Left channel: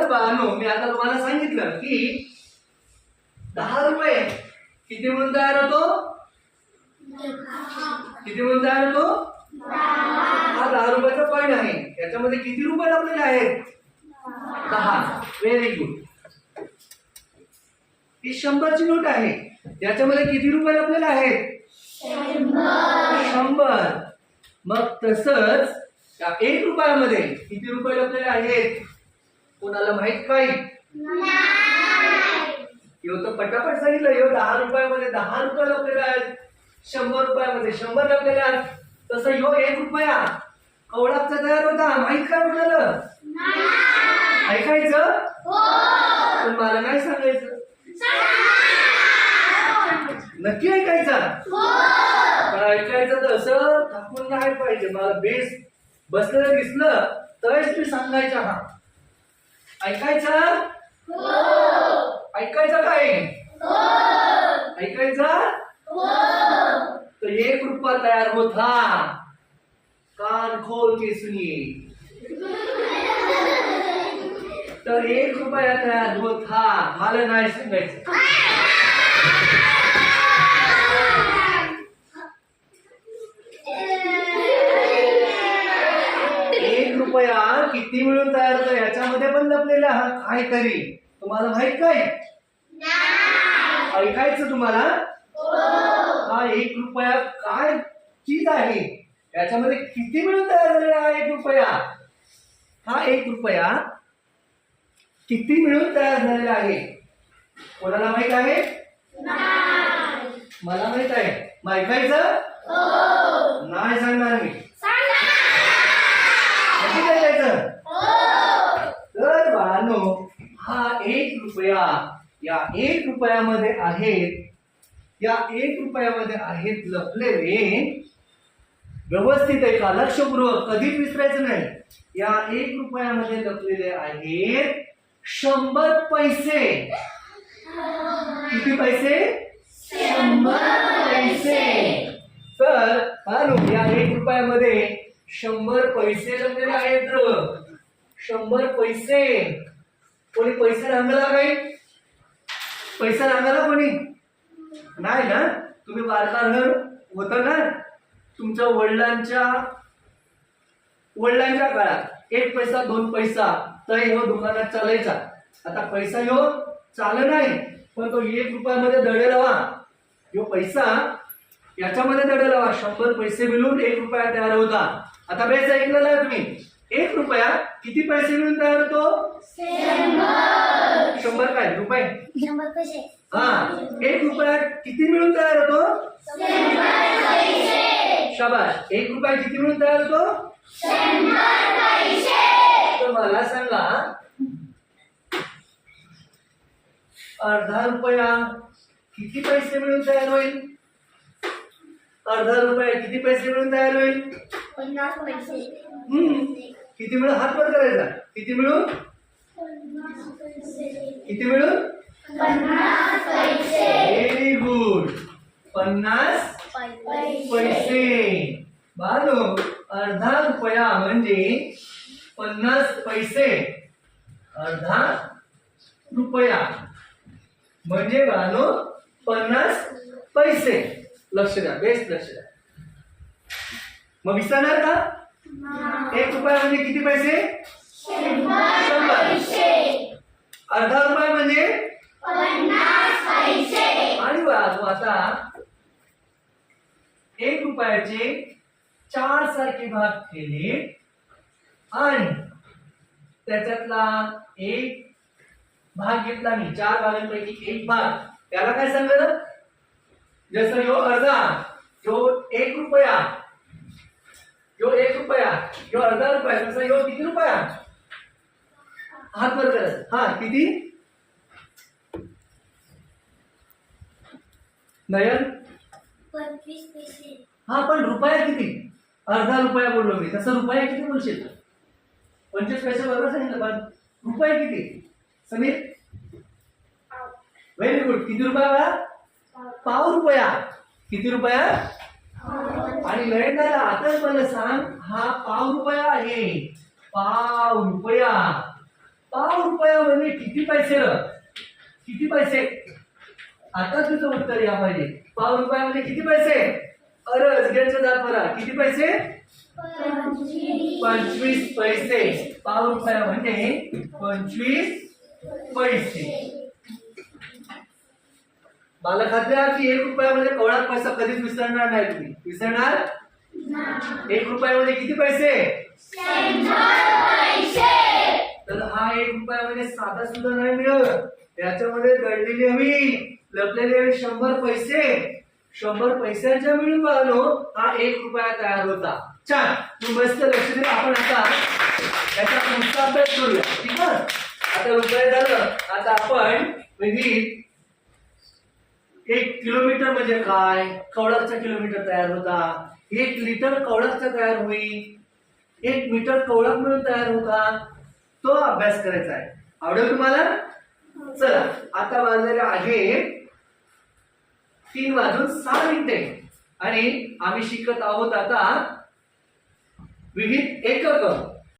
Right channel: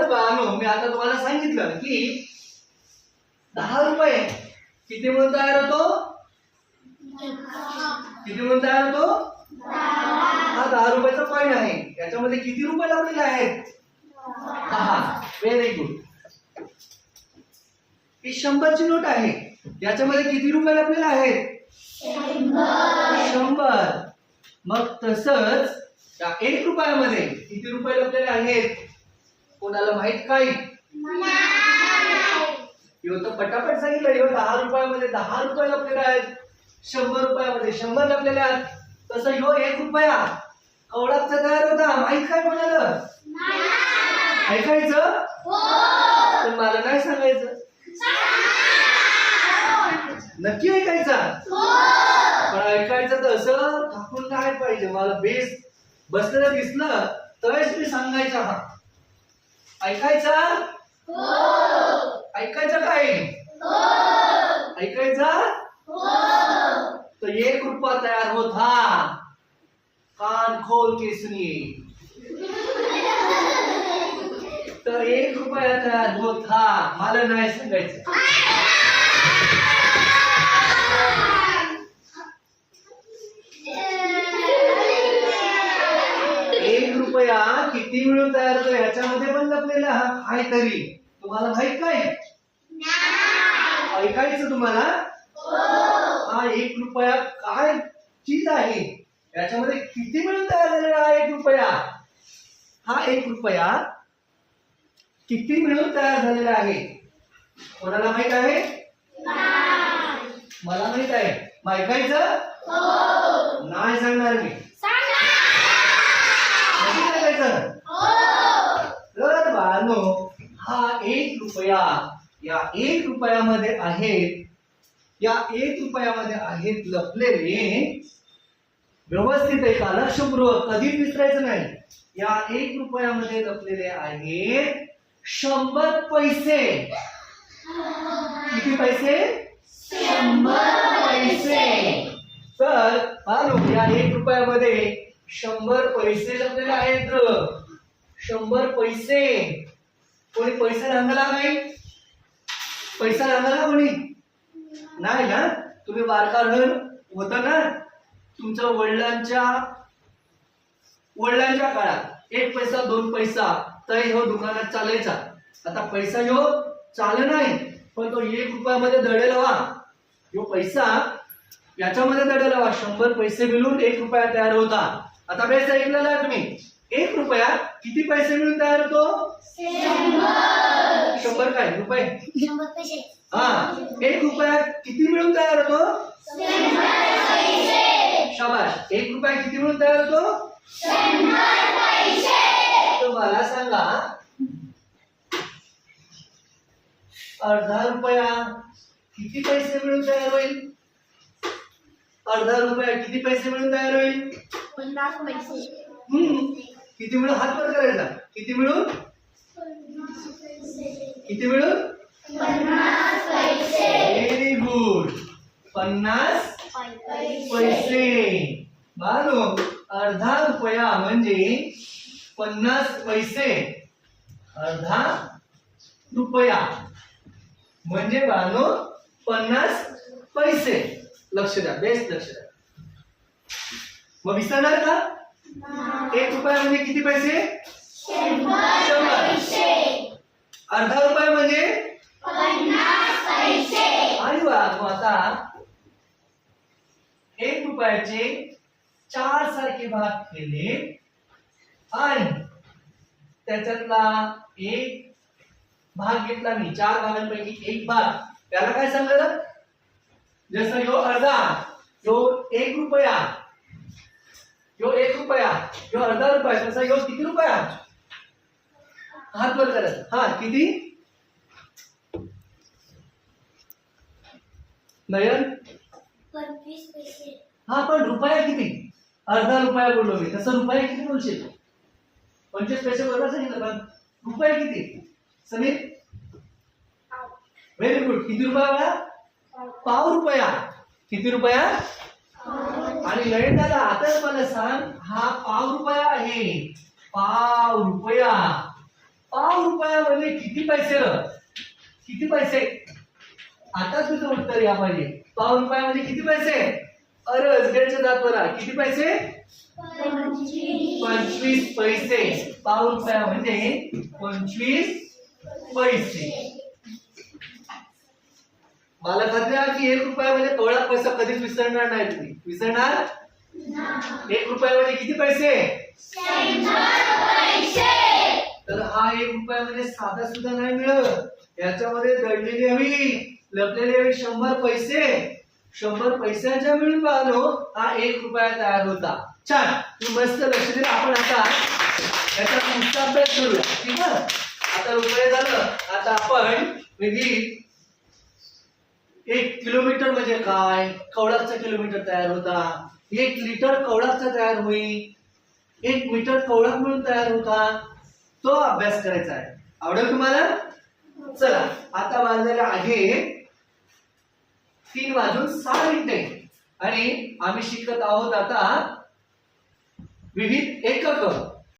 तर बानो मी आता तुम्हाला सांगितलं की दहा रुपये किती म्हणून तयार होतो? किती म्हणून तयार होतो? हा दहा रुपयाचा कॉईन आहे. याच्यामध्ये किती रुपये लावलेले आहेत? दहा. व्हेरी गुड ही शंभरची नोट आहे. याच्यामध्ये किती रुपये लपलेले आहेत? शंभर. मग तसंच त्या एक रुपयामध्ये किती रुपये लपलेले आहेत? कोणाला माहीत काय? यो तर पटापट सांगितलं यो दहा रुपयामध्ये दहा रुपये लपलेले आहेत. शंभर रुपयामध्ये शंभर लपलेले आहेत. तसं यो एक रुपया. कवडाचा तयार होता माहीत काय म्हणालं? ऐकायचं? पण मला नाही सांगायचं. नक्की ऐकायचा? पण ऐकायचं तर असं थाकून नाही पाहिजे. मला बेस बसलेलं दिसलं तरच मी सांगायचा हा. ऐकायचा? ऐकायचं काय? ऐकायचा? तर एक रुपया तयार होता. कान खोल के सुनिए तर एक रुपया तयार होता. मला नाही सांगायचं. लपलेला हा काहीतरी. तुम्हाला माहीत काय? ऐकायचं तुम्हाला? हा एक रुपया काय चीज आहे? याच्यामध्ये किती मिळून तयार झालेला हा एक रुपया? हा एक रुपया किती मिळून तयार झालेला आहे? कोणाला माहीत आहे? मला माहीत आहे. मग ऐकायचं? नाही सांगणार मी नक्की ऐकायचं तर बाळांनो हा एक रुपया या एक रुपयामध्ये आहेत या एक रुपयामध्ये आहेत लपलेले व्यवस्थित ऐका लक्षपूर्वक कधीच विसरायचं नाही. या एक रुपयामध्ये लपलेले आहेत शंभर पैसे. किती पैसे? शंभर पैसे. तर बाळांनो, या एक रुपयामध्ये शंभर पैसे लपलेले आहेत. शंभर पैसे. कोणी पैसे रांगला नाही पैसा लागला कोणी? नाही ना? तुम्ही बारकार होता ना? तुमच्या वडिलांच्या वडिलांच्या काळात एक पैसा दोन पैसा तर हो दुकानात चालायचा. आता पैसा ह्यो चाल नाही पण तो एक रुपयामध्ये दडेलवा ह्यो पैसा याच्यामध्ये दडे लावा. शंभर पैसे मिळून एक रुपया तयार होता. आता बेस ऐकलेला आहे तुम्ही. एक रुपया किती पैसे मिळून तयार होतो? शंभर. काय? रुपये? शंभर पैसे. हा. एक रुपया किती मिळून तयार होतो? शाबाश एक रुपया किती मिळून तयार होतो? तर मला सांगा. अर्धा रुपया किती पैसे मिळून तयार होईल? अर्धा रुपया किती पैसे मिळून तयार होईल? पन्नास पैसे. किती मिळून? हात वर करायचा. किती मिळून? किती मिळून? पन्नास पैसे व्हेरी गुड पन्नास पैसे. बालो अर्धा रुपया म्हणजे पन्नास पैसे. अर्धा रुपया. म्हणजे बानो पन्नास पैसे. लक्ष द्या बेस्ट लक्ष द्या. मग विसरणार का? एक रुपया म्हणजे किती पैसे? अर्धा रुपया म्हणजे? आणि आता एक रुपयाचे चार सारखे भाग केले. आणि त्याच्यातला एक भाग घेतला मी. चार भागांपैकी एक भाग. त्याला काय सांगलं जसं यो अर्धा यो एक रुपया. यो एक रुपया यो अर्धा रुपया तसा यो किती रुपया? हात वर करत. हा किती? नयन? हा पण रुपया किती? अर्धा रुपया बोललो मी. तसं रुपया किती बोलशील? पंचवीस पैसे बरोबर सांगितलं पण रुपये किती? समीर? व्हेरी गुड किती रुपया पाव रुपया. किती रुपया? आणि लयन दादा आता मला सांग हा पाव रुपया आहे. पाव रुपया. पाव रुपया म्हणजे किती पैसे? र किती पैसे? आता तुझं उत्तर या पाहिजे. पाव रुपयामध्ये म्हणजे किती पैसे? अरे अजगरच्या जात बरा किती पैसे? पंचवीस पैसे. पाव रुपयामध्ये म्हणजे पंचवीस पैसे. आहे की एक रुपयामध्ये कवळात पैसा कधीच विसरणार नाही तुम्ही. विसरणार? एक रुपयामध्ये किती पैसे? तर हा एक रुपयामध्ये साधा सुद्धा नाही मिळत. त्याच्यामध्ये दडलेली हवी लपलेली हवी शंभर पैसे. शंभर पैशाच्या मिळून पाहलो हा एक रुपया तयार होता. छान. तुम्ही मस्त लक्ष दिलं आपण आता याचा अभ्यास करूया. ठीक आहे? आता रुपये झालं. आता आपण विविध एक किलोमीटर म्हणजे काय? कवळाचा किलोमीटर तयार होता. एक लिटर कवळाचा तयार होईल. एक मीटर कवळक मिळून तयार होता. तो अभ्यास करायचा आहे. आवडेल तुम्हाला? चला आता वाजलेले आहे तीन वाजून सहा मिनिटे. आणि आम्ही शिकत आहोत आता विविध एकक.